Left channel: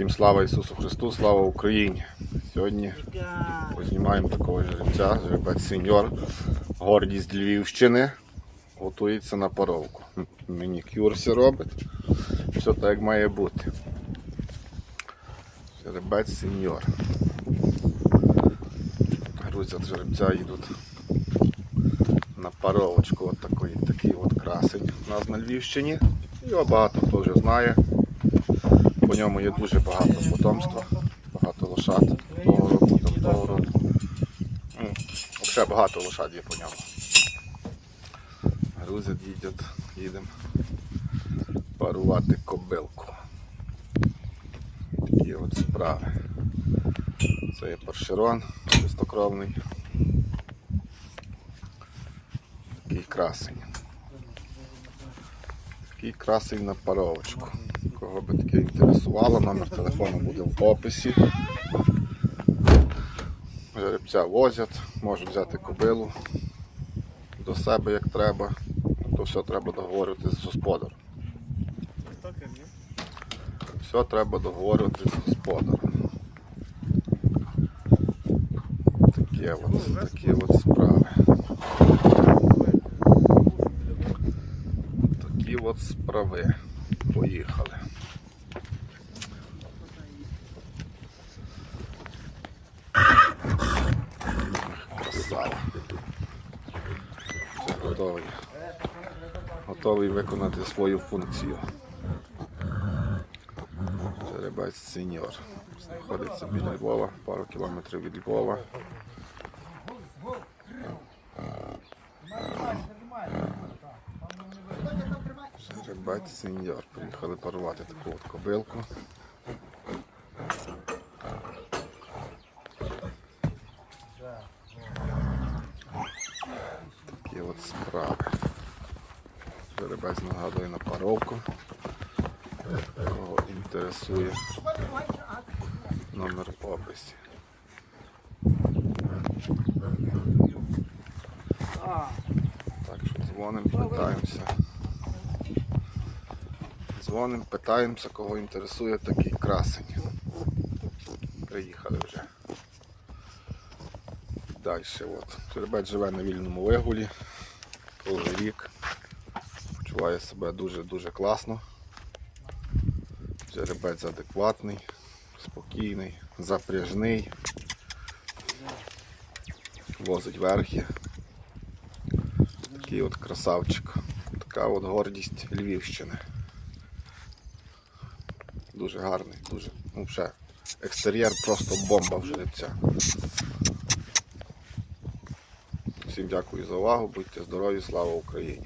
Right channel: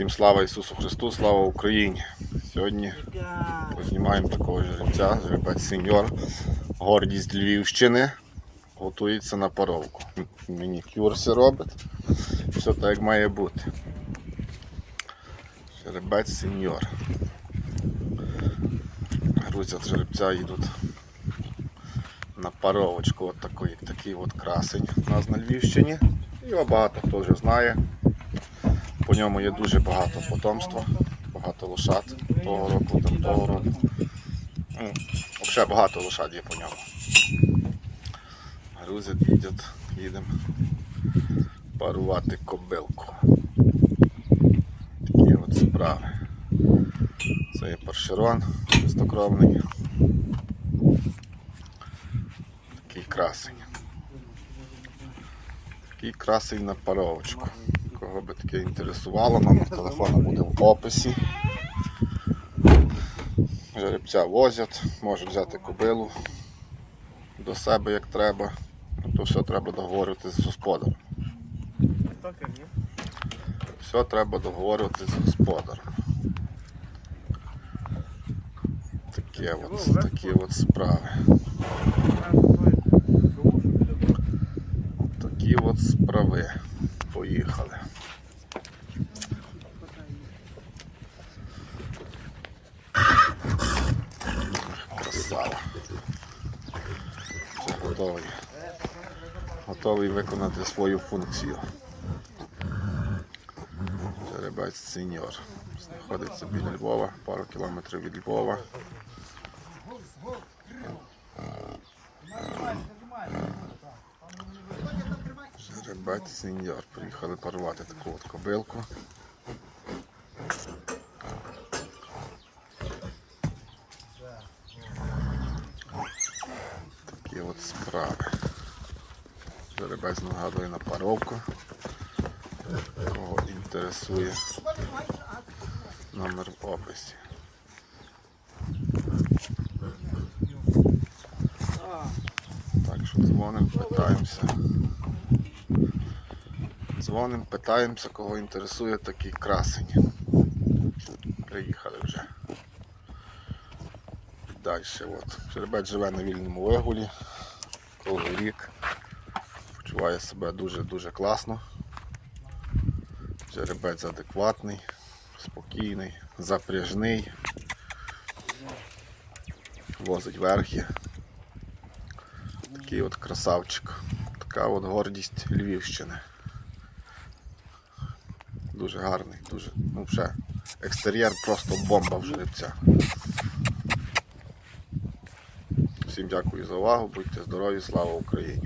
Всім слава Ісусу Христу, слава Україні! Сьогодні познімаємо такого жеребця, жеребець сеньор, гордість Львівщини. Готується на паровку. Мінікюрси робить. Все так як має бути. Жеребець сеньор. Грузять жеребця йдуть на паровочку. От такий, такий от красень у нас на Львівщині. Його багато хто вже знає. По ньому є дуже багато потомства, багато лошад того року, там того року. Ну, Взагалі багато лошад є по ньому. Грузять, їдять, їдемо парувати кобилку. Такі от справи. Це є паршерон чистокровний. Такий красень. Такий красень на паровочку. Кого таке інтересувало, номер телефону буде в описі. Жеребця возять, можуть взяти кобилу до себе як треба. То все треба договорювати з господарем. Все треба договорювати з господарем. Такі от, такі от справи. Такі от справи. Поїхали. Красава. Вже готовий. Готовий виконати свою функцію. Жеребець сеньор. Знаходиться біля Львова, пару кілометрів від Львова. Жеребець сеньор. Приїхали парувати таку от кобилку. Такі от справи. Жеребець нагадує на паровку. Кого інтересує номер в описі. Так що дзвонимо, питаємося. Дзвонимо, питаємося, кого інтересує такий красень. Приїхали вже. Далі от. Жеребець живе на вільному вигулі. Круглий рік. Почуває себе дуже-дуже класно. Жеребець адекватний, спокійний, запряжний. Возить верхи. Такий от красавчик. Така от гордість Львівщини. Дуже гарний, дуже. Ну, вже екстер'єр просто бомба в жеребця. Всім дякую за увагу, будьте здорові, слава Україні!